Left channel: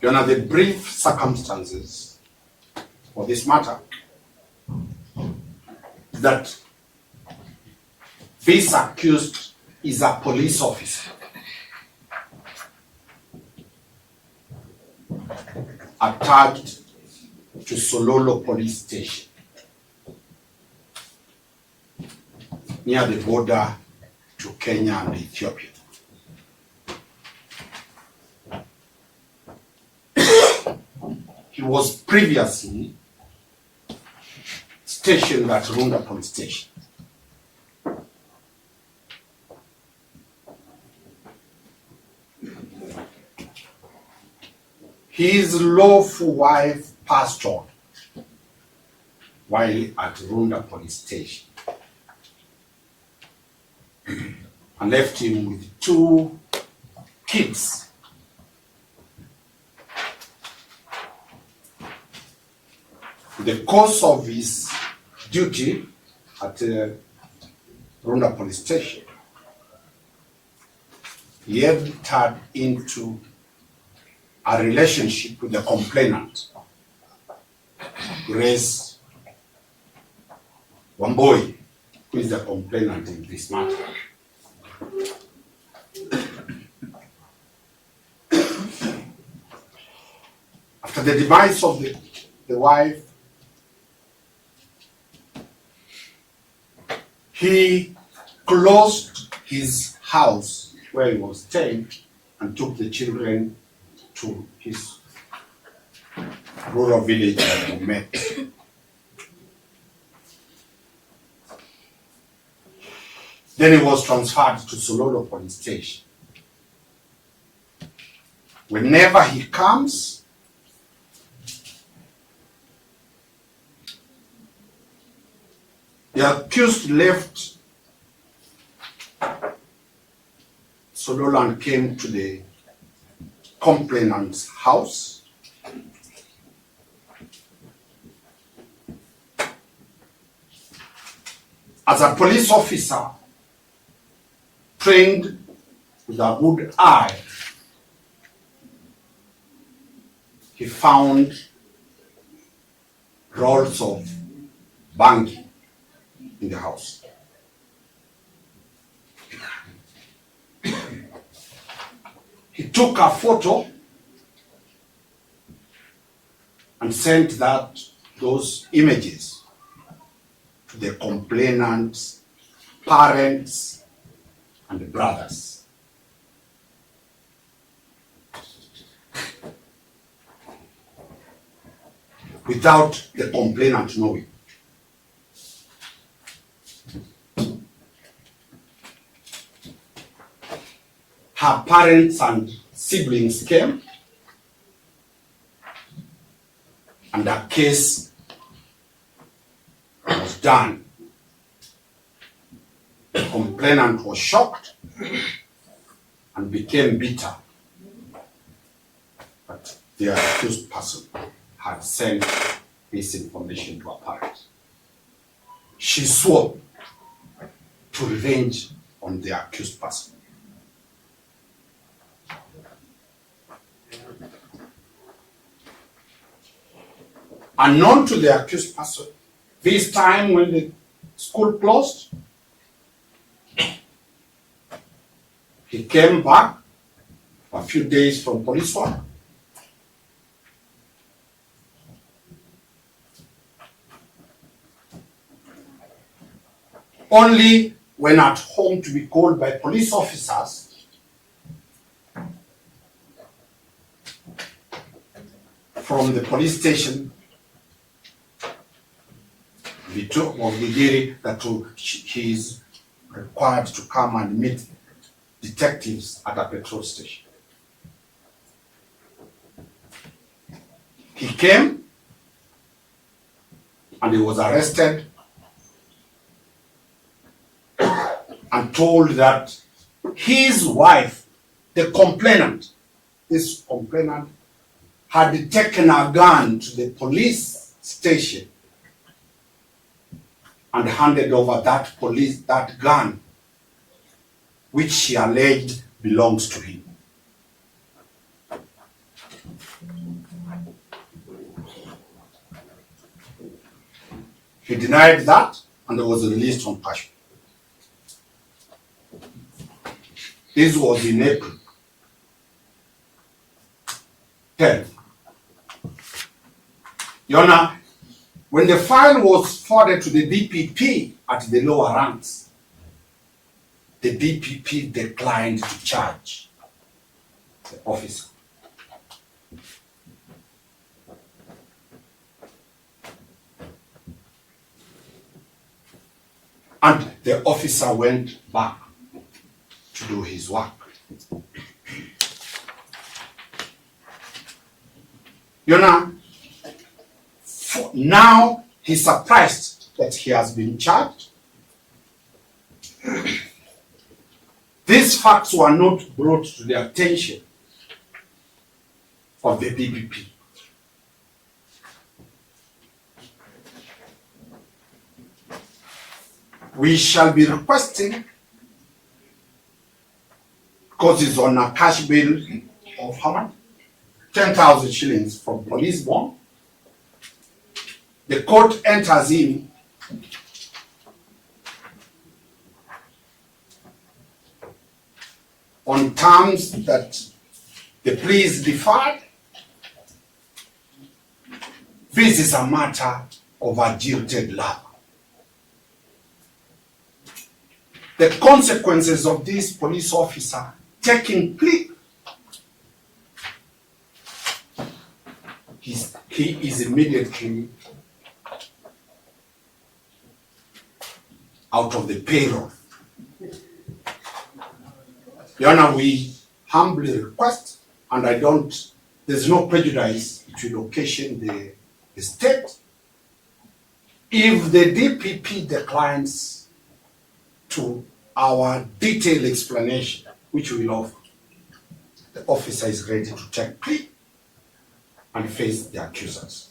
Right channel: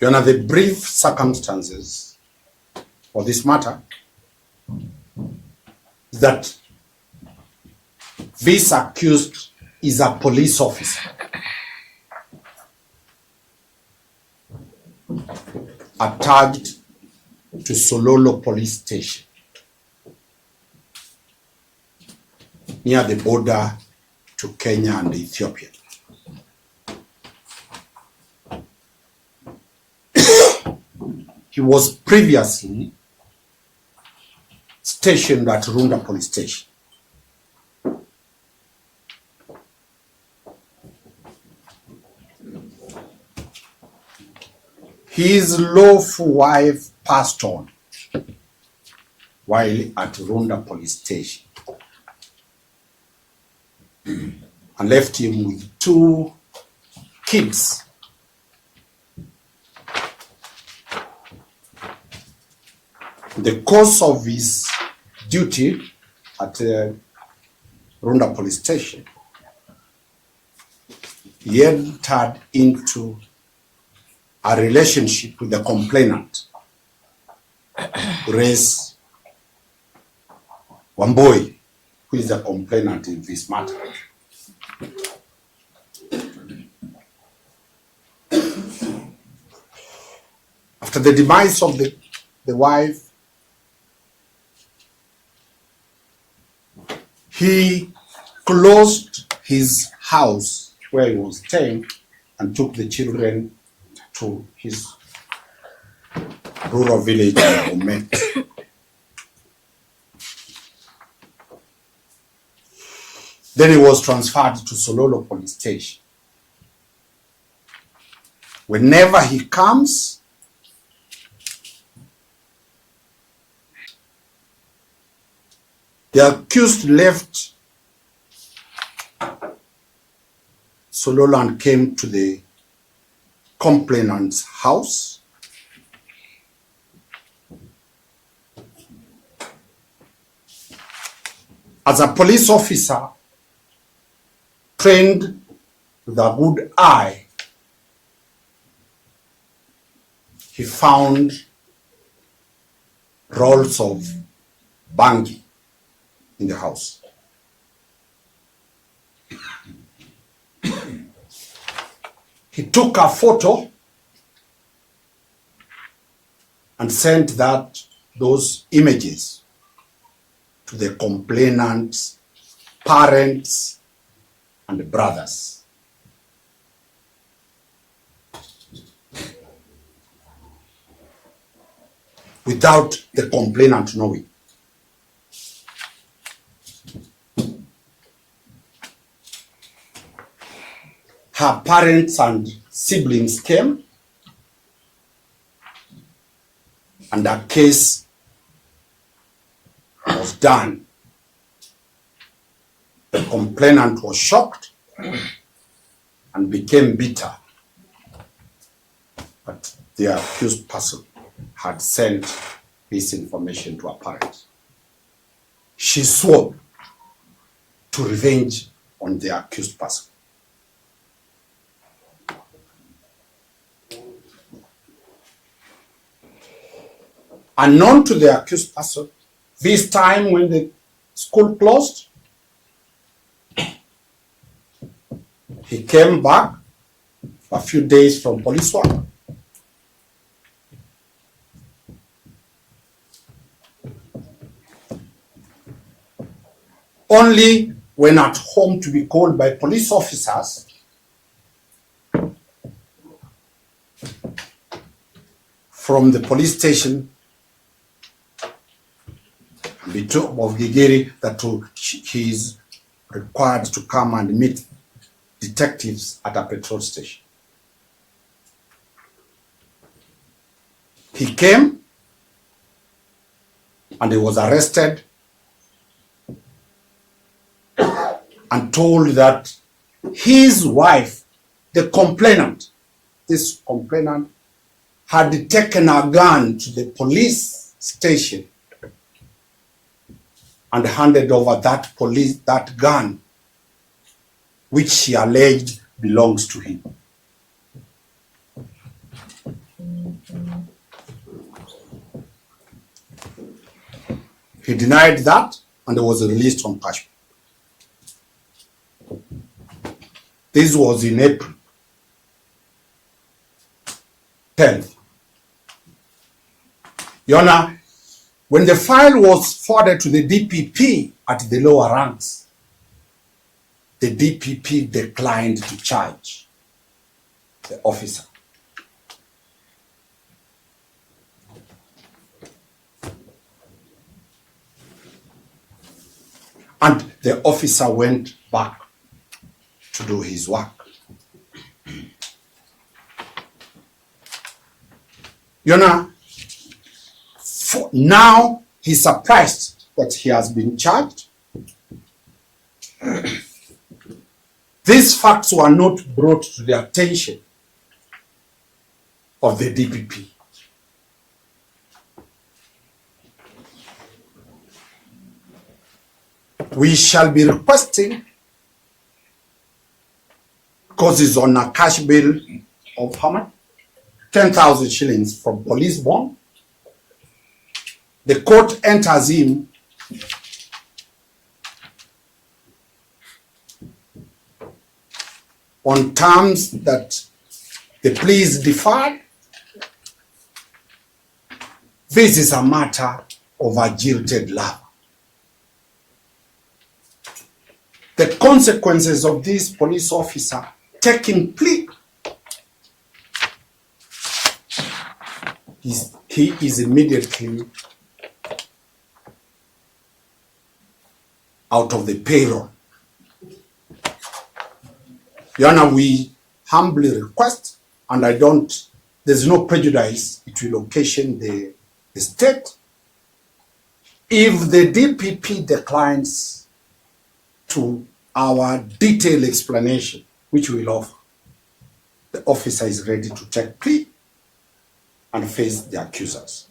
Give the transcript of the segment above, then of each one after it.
Your Honor, the brief circumstances for this matter that this accused is a police officer attached to Sololo police station near the border to Kenya and Ethiopia. He was previously stationed at Runda police station. His lawful wife passed on while at Runda police station and left him with 2 kids. In the course of his duty at Runda police station, he entered into a relationship with the complainant, Grace Wamboi, who is the complainant in this matter. After the demise of the wife, he closed his house where he was staying and took the children to his rural village in Omet. Then he was transferred to Sololo police station. Whenever he comes, the accused left Sololo and came to the complainant's house. As a police officer trained with a good eye, he found rolls of Bhang in the house. He took a photo and sent those images to the complainant's parents and brothers. Without the complainant knowing. Her parents and siblings came, and the case was done. The complainant was shocked and became bitter. But the accused person had sent this information to her parents. She swore to revenge on the accused person. Unknown to the accused person, this time when the school closed, he came back a few days from police work. Only when at home to be called by police officers from the police station of Gigiri that he is required to come and meet detectives at a petrol station. He came and he was arrested and told that his wife, the complainant, this complainant had taken a gun to the police station and handed over that gun, which she alleged belongs to him. He denied that and was released on cash. This was in April 10th. Your Honor, when the file was forwarded to the DPP at the lower ranks, the DPP declined to charge the officer. And the officer went back to do his work. Your Honor, now he's surprised that he has been charged. These facts were not brought to the attention of the DPP. We shall be requesting, because it's on a cash bail of how much? 10,000 shillings from police bond. The court enters in on terms that the plea is deferred. This is a matter of a jilted love. The consequences of this police officer taking plea, he is immediately out of the payroll. Your Honor, we humbly request, and there's no prejudice, it will occasion the state. If the DPP declines to our detailed explanation, which we will offer, the officer is ready to take plea and face the accusers.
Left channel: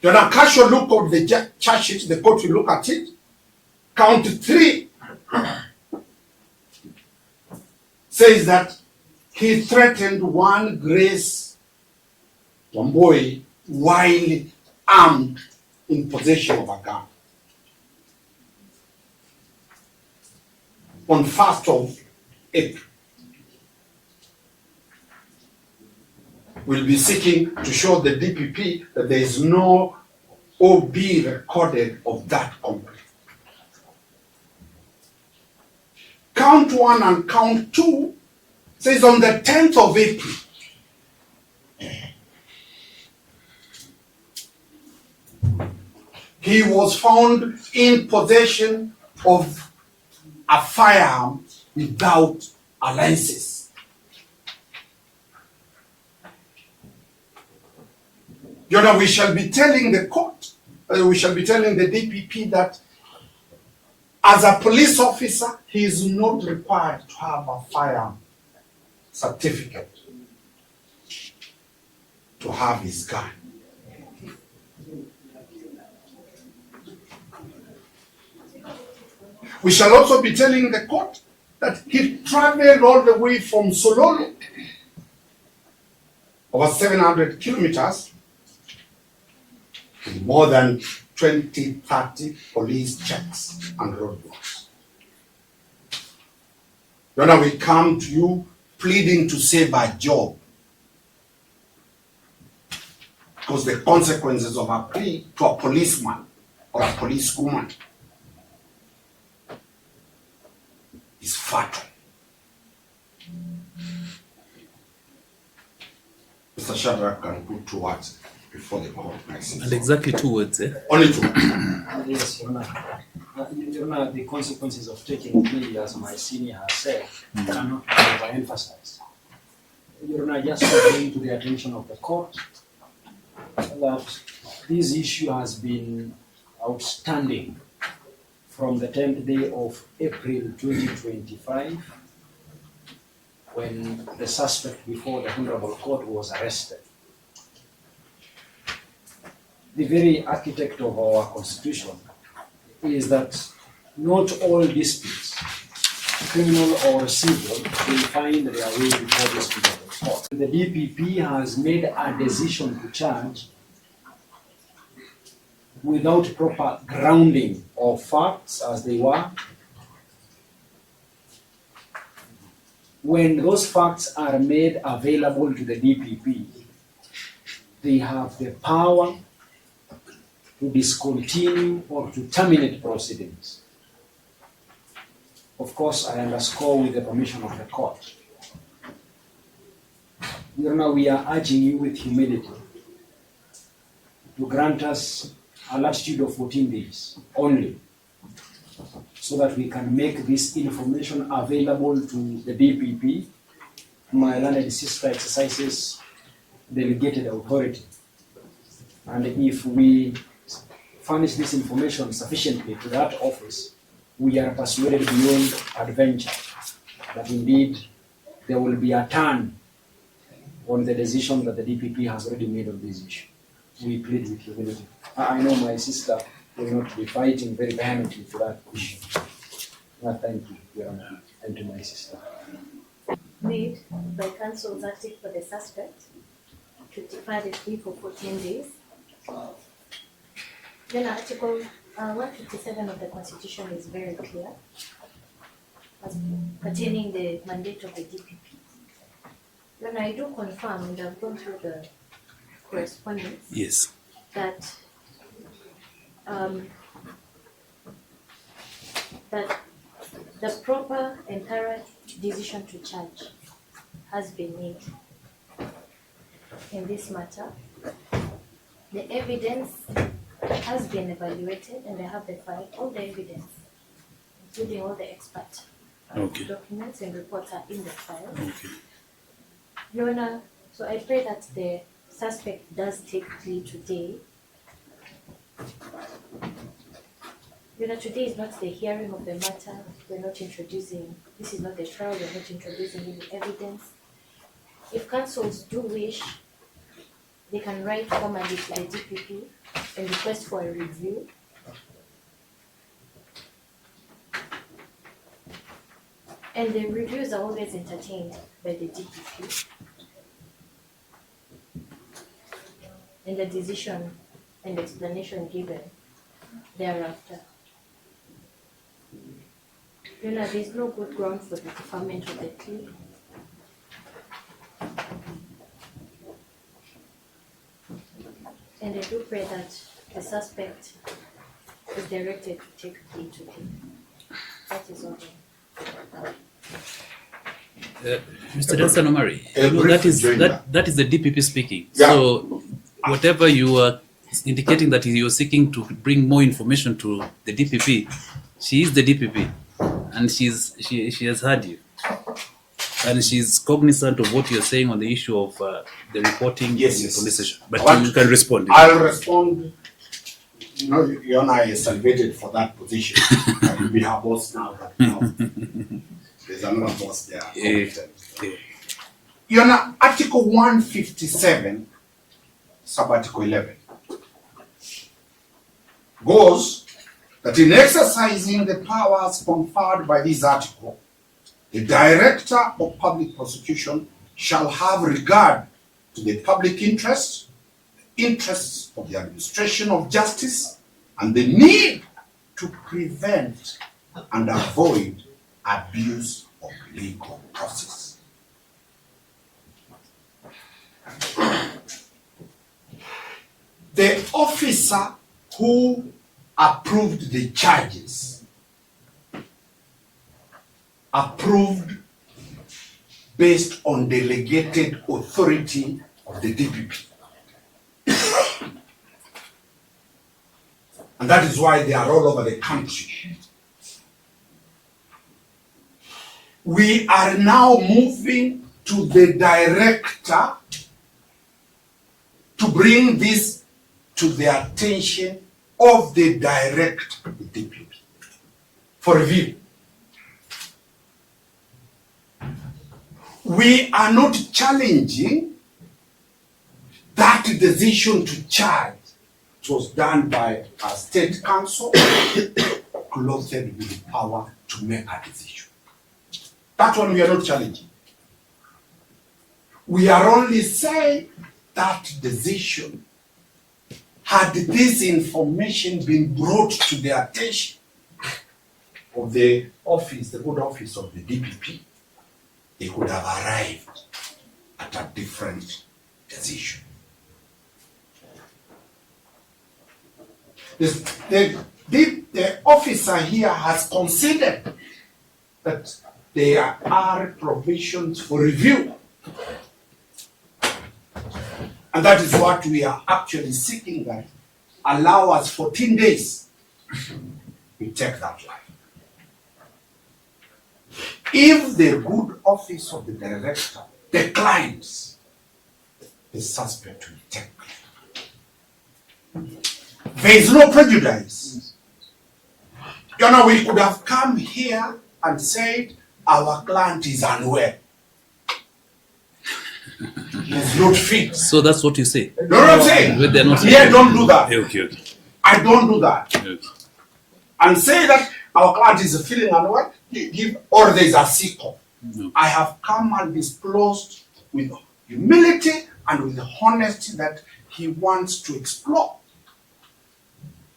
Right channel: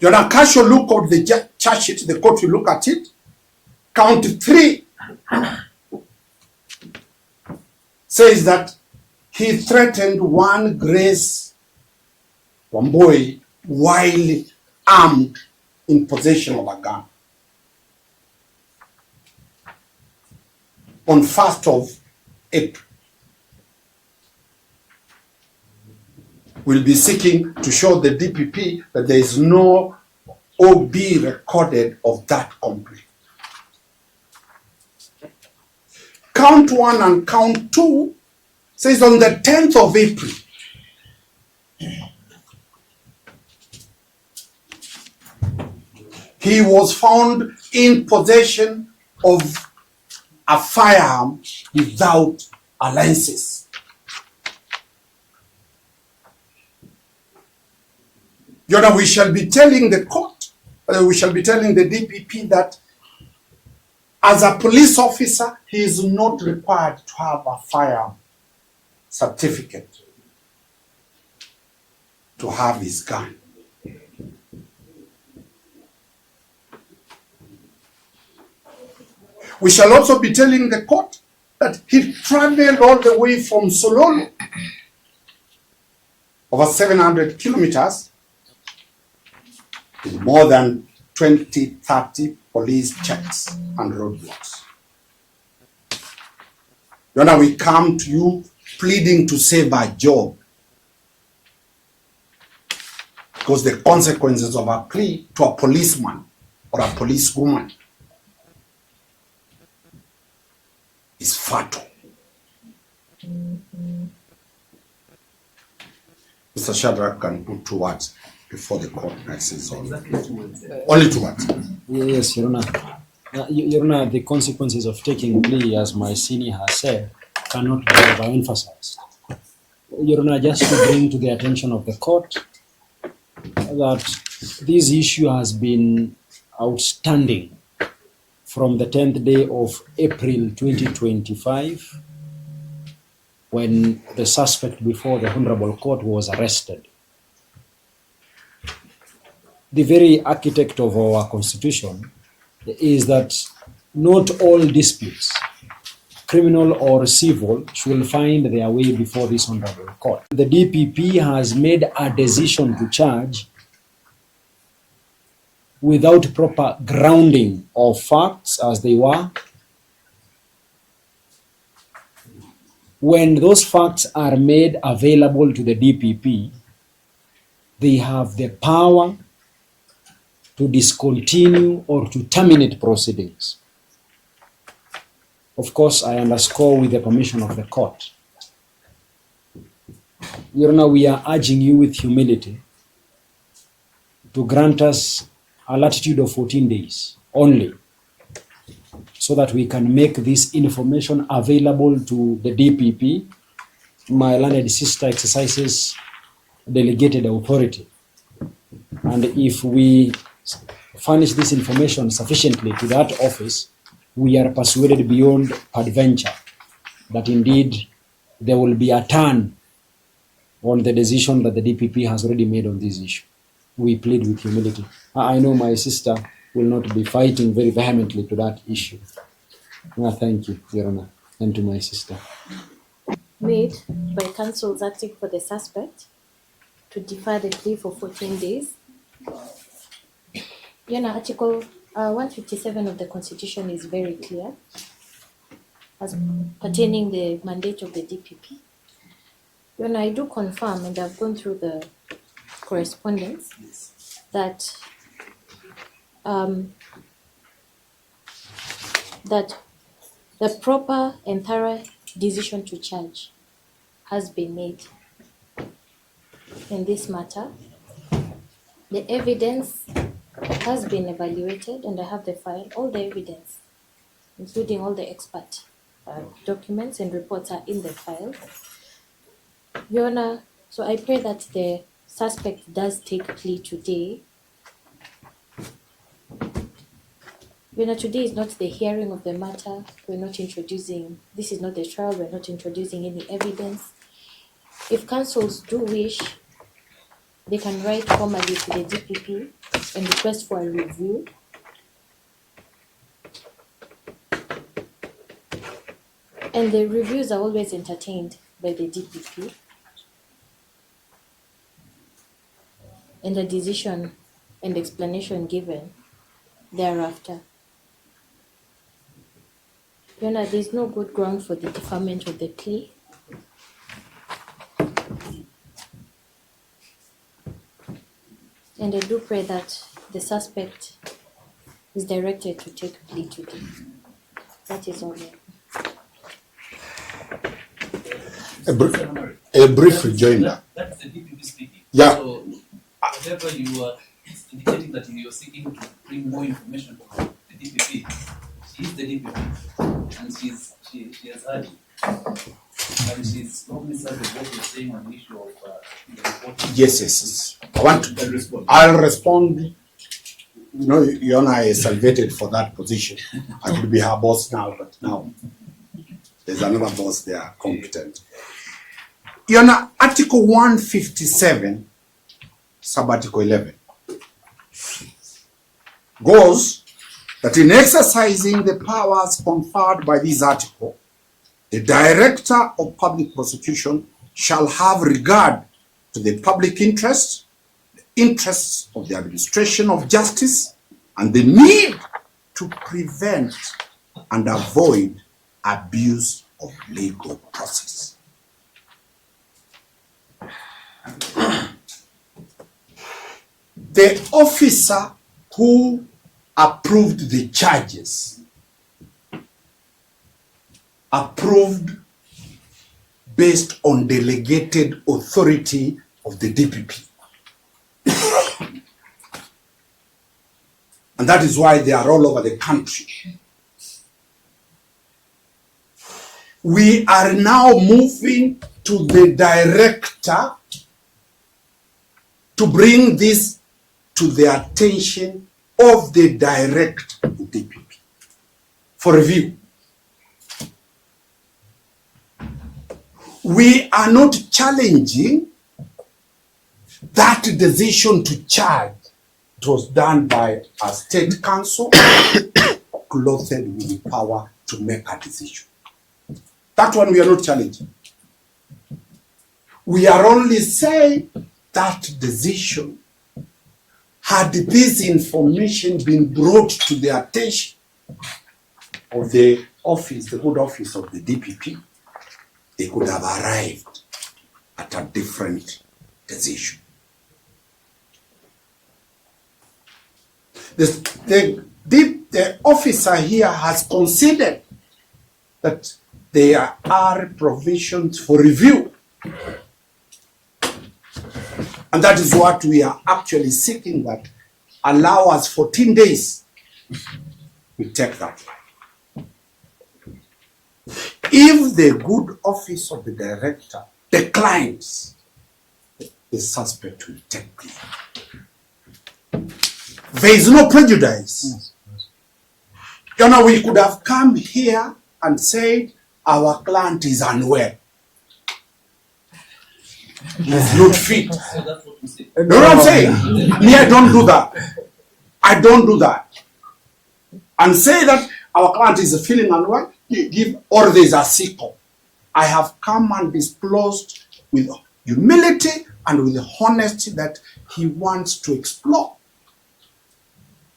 Your Honor, casual look at the charge sheet, the court will look at it. Count 3 says that he threatened one Grace Wamboi while armed in possession of a gun. On 1st of April, we'll be seeking to show the DPP that there is no OB recorded of that complaint. Count 1 and count 2 says on the 10th of April, he was found in possession of a firearm without a license. Your Honor, we shall be telling the court, we shall be telling the DPP that as a police officer, he is not required to have a firearm certificate to have his gun. We shall also be telling the court that he traveled all the way from Sololo, over 700 kilometers, with more than 20, 30 police checks and roadblocks. Your Honor, we come to you pleading to save our job, because the consequences of a plea to a policeman or a policewoman is fatal. Mr. Shadrack can put 2 words before the court. And exactly 2 words, eh? Only 2 words. Yes, Your Honor. Your Honor, the consequences of taking plea, as my senior has said, cannot be overemphasized. Your Honor, just to bring to the attention of the court that this issue has been outstanding from the 10th day of April 2025, when the suspect before the Honorable Court was arrested. The very architect of our Constitution is that not all disputes, criminal or civil, will find their way before this Honorable Court. The DPP has made a decision to charge without proper grounding of facts as they were. When those facts are made available to the DPP, they have the power to discontinue or to terminate proceedings. Of course, I underscore with the permission of the court. Your Honor, we are urging you with humility to grant us a latitude of 14 days only, so that we can make this information available to the DPP. My learned sister exercises delegated authority. And if we furnish this information sufficiently to that office, we are persuaded beyond adventure that indeed there will be a turn on the decision that the DPP has already made on this issue. We plead with humility. I know my sister will not be fighting very vehemently to that issue. Thank you, Your Honor, and to my sister. Made by counsels acting for the suspect to defer the plea for 14 days. Your Honor, Article 157 of the Constitution is very clear as pertaining the mandate of the DPP. Your Honor, I do confirm, and I've gone through the correspondence, Yes. that that the proper and thorough decision to charge has been made in this matter. The evidence has been evaluated, and I have the file. All the evidence, including all the expert documents and reports, are in the file. Your Honor, so I pray that the suspect does take plea today. Your Honor, today is not the hearing of the matter. We're not introducing, this is not the trial, we're not introducing any evidence. If counsels do wish, they can write formally to the DPP and request for a review. And the reviews are always entertained by the DPP. And the decision and explanation given thereafter. Your Honor, there is no good ground for the deferment of the plea. And I do pray that the suspect is directed to take plea today. That is all. Mr. Danstan Omari, a brief rejoinder. that is the DPP speaking. Yeah. So whatever you are indicating that you're seeking to bring more information to the DPP, she is the DPP, and she has heard you, and she's cognizant of what you're saying on the issue of the reporting. Yes, to the yes. police station. But you can respond. I'll respond. You know, Your Honor is salvated for that position. You'll be her boss now, but now there's another boss there, competent. Your Honor, Article 157, Sub-Article 11, goes that in exercising the powers conferred by this article, the Director of Public Prosecution shall have regard to the public interest, the interests of the administration of justice, and the need to prevent and avoid abuse of legal process. The officer who approved the charges approved based on delegated authority of the DPP. And that is why they are all over the country. We are now moving to the director to bring this to the attention of the director of the DPP for review. We are not challenging that decision to charge. It was done by a state council clothed with the power to make a decision. That one we are not challenging. We are only saying that decision had this information been brought to the attention of the office, the good office of the DPP, they could have arrived at a different decision. The officer here has considered that there are provisions for review. And that is what we are actually seeking, that allow us 14 days. We take that line. If the good office of the director declines, the suspect will take plea. There is no prejudice. You know, we could have come here and said our client is unwell. He's not fit. So that's what you say. You know what I'm saying? But they're not- Me, I don't do that. Okay. I don't do that. Okay. And say that our client is feeling unwell, or there is a sick call. No. I have come and disclosed with humility and with honesty that he wants to explore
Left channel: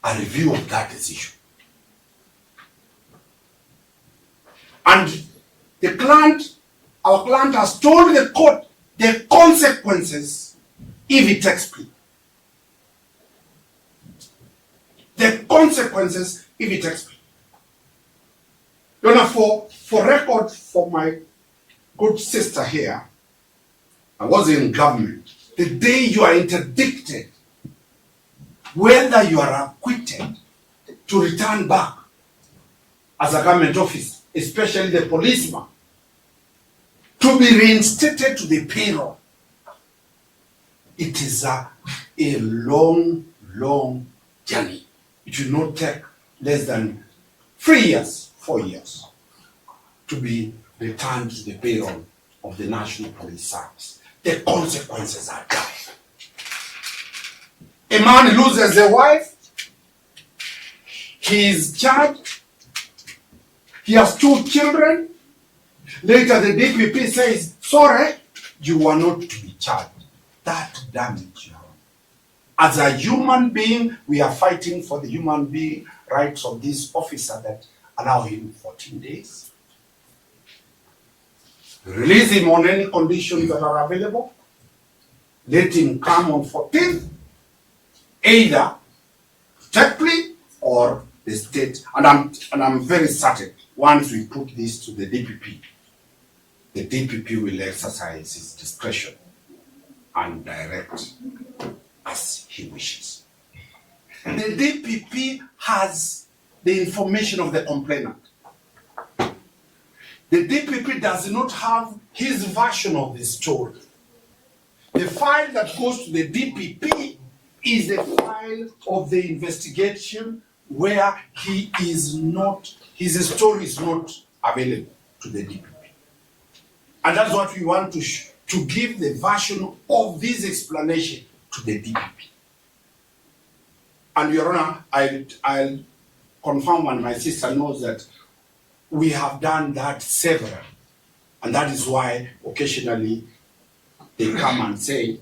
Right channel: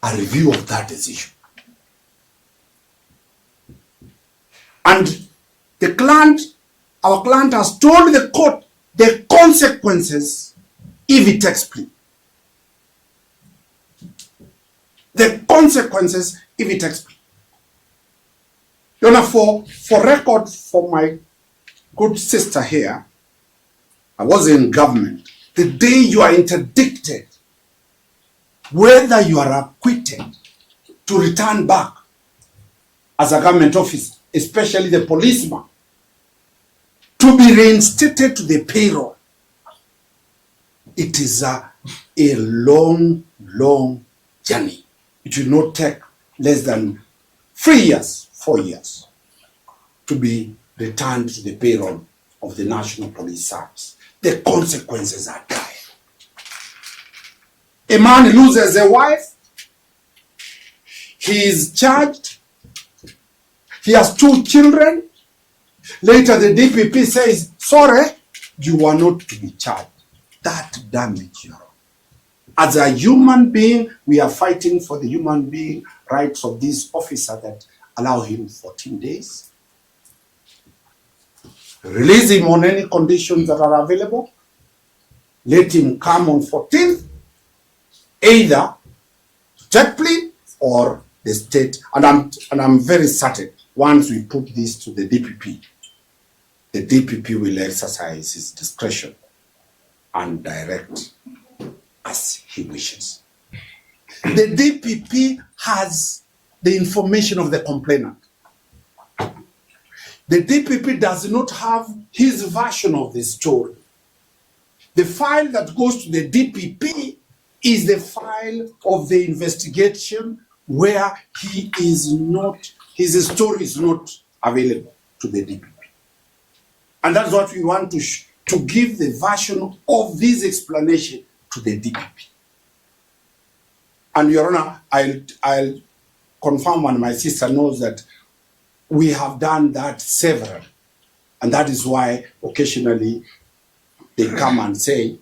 a review of that decision. And the client, our client has told the court the consequences if he takes plea. The consequences if he takes plea. You know, for record, for my good sister here, I was in government. The day you are interdicted, whether you are acquitted, to return back as a government officer, especially the policeman, to be reinstated to the payroll, it is a long journey. It will not take less than 3 years, 4 years, to be returned to the payroll of the National Police Service. The consequences are dire. A man loses a wife, he is charged, he has 2 children. Later the DPP says, sorry, you are not to be charged. That damage you are. As a human being, we are fighting for the human being rights of this officer that allow him 14 days. Release him on any conditions that are available. Let him come on 14th, either take plea or the state. And I'm very certain once we put this to the DPP will exercise his discretion and direct as he wishes. The DPP has the information of the complainant. The DPP does not have his version of the story. The file that goes to the DPP is the file of the investigation where his story is not available to the DPP. And that's what we want to give the version of this explanation to the DPP. And Your Honor, I'll confirm, and my sister knows that we have done that several. And that is why occasionally they come and say,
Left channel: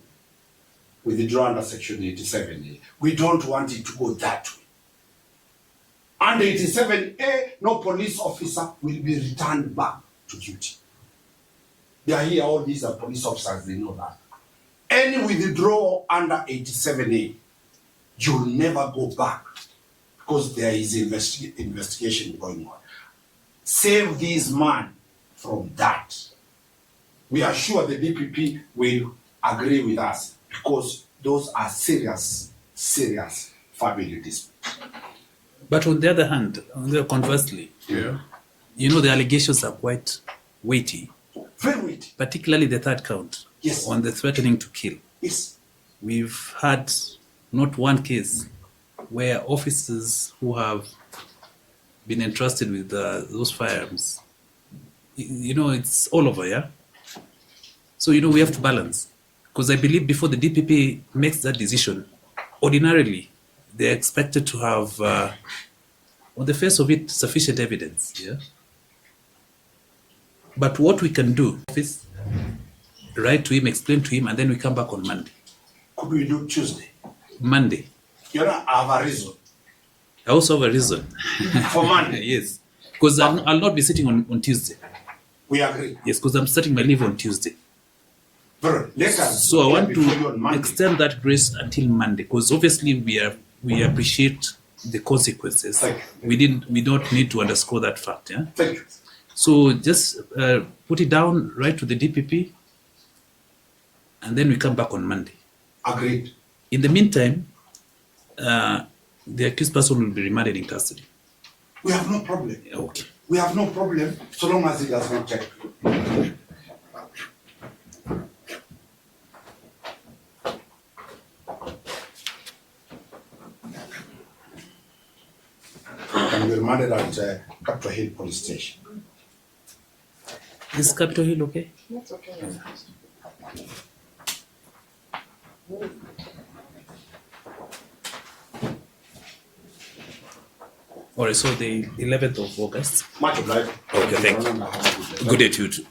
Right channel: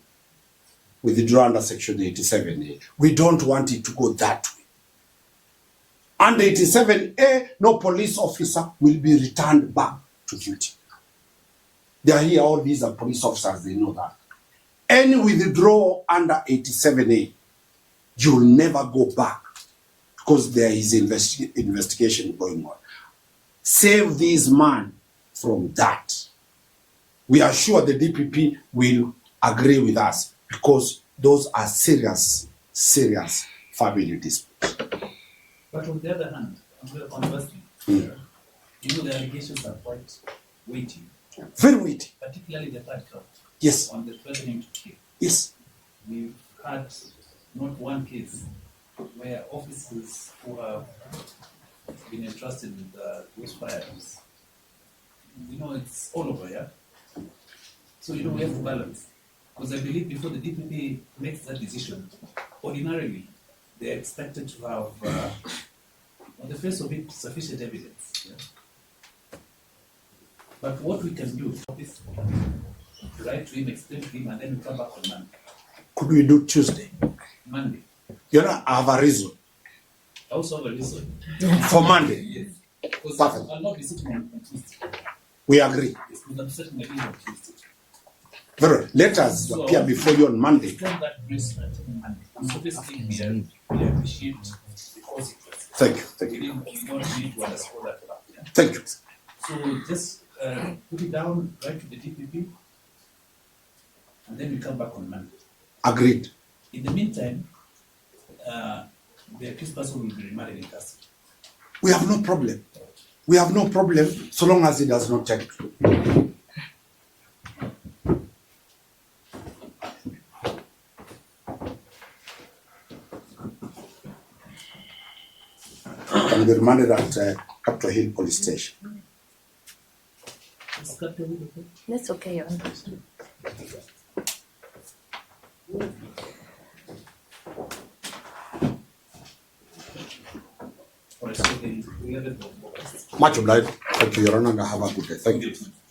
withdraw under Section 87A. We don't want it to go that way. Under 87A, no police officer will be returned back to duty. They are here, all these are police officers, they know that. Any withdrawal under 87A, you'll never go back because there is investigation going on. Save this man from that. We are sure the DPP will agree with us because those are serious family disputes. But on the other hand, conversely, you know, the allegations are quite weighty. Very weighty. Particularly the third count. Yes. On the threatening to kill. Yes. We've had not one case where officers who have been entrusted with those firearms, you know, it's all over, yeah? So, you know, we have to balance. Because I believe before the DPP makes that decision, ordinarily, they're expected to have, on the face of it, sufficient evidence, yeah? But what we can do, office, write to him, explain to him, and then we come back on Monday. Could we do Tuesday? Monday. You know, I have a reason. I also have a reason. For Monday. Yes. Because I'll not be sitting on Tuesday. We agree. Yes, because I'm starting my leave on Tuesday. Very well. Let us So I appear want before you on to Monday. extend that grace until Monday, because obviously we appreciate the consequences. Thank you. Thank We don't need to underscore that fact. Yeah. Thank you. So just put it down, write to the DPP, and then we come back on Monday. Agreed. In the meantime, the accused person will be remanded in custody. We have no problem. Okay. We have no problem so long as it does not take. Can be remanded at Capitol Hill Police Station. Is Capitol Hill okay? That's okay, Your Honor. Alright, so the 11th of August. Much obliged. Okay, thank you. Have a good day. Good day to you too.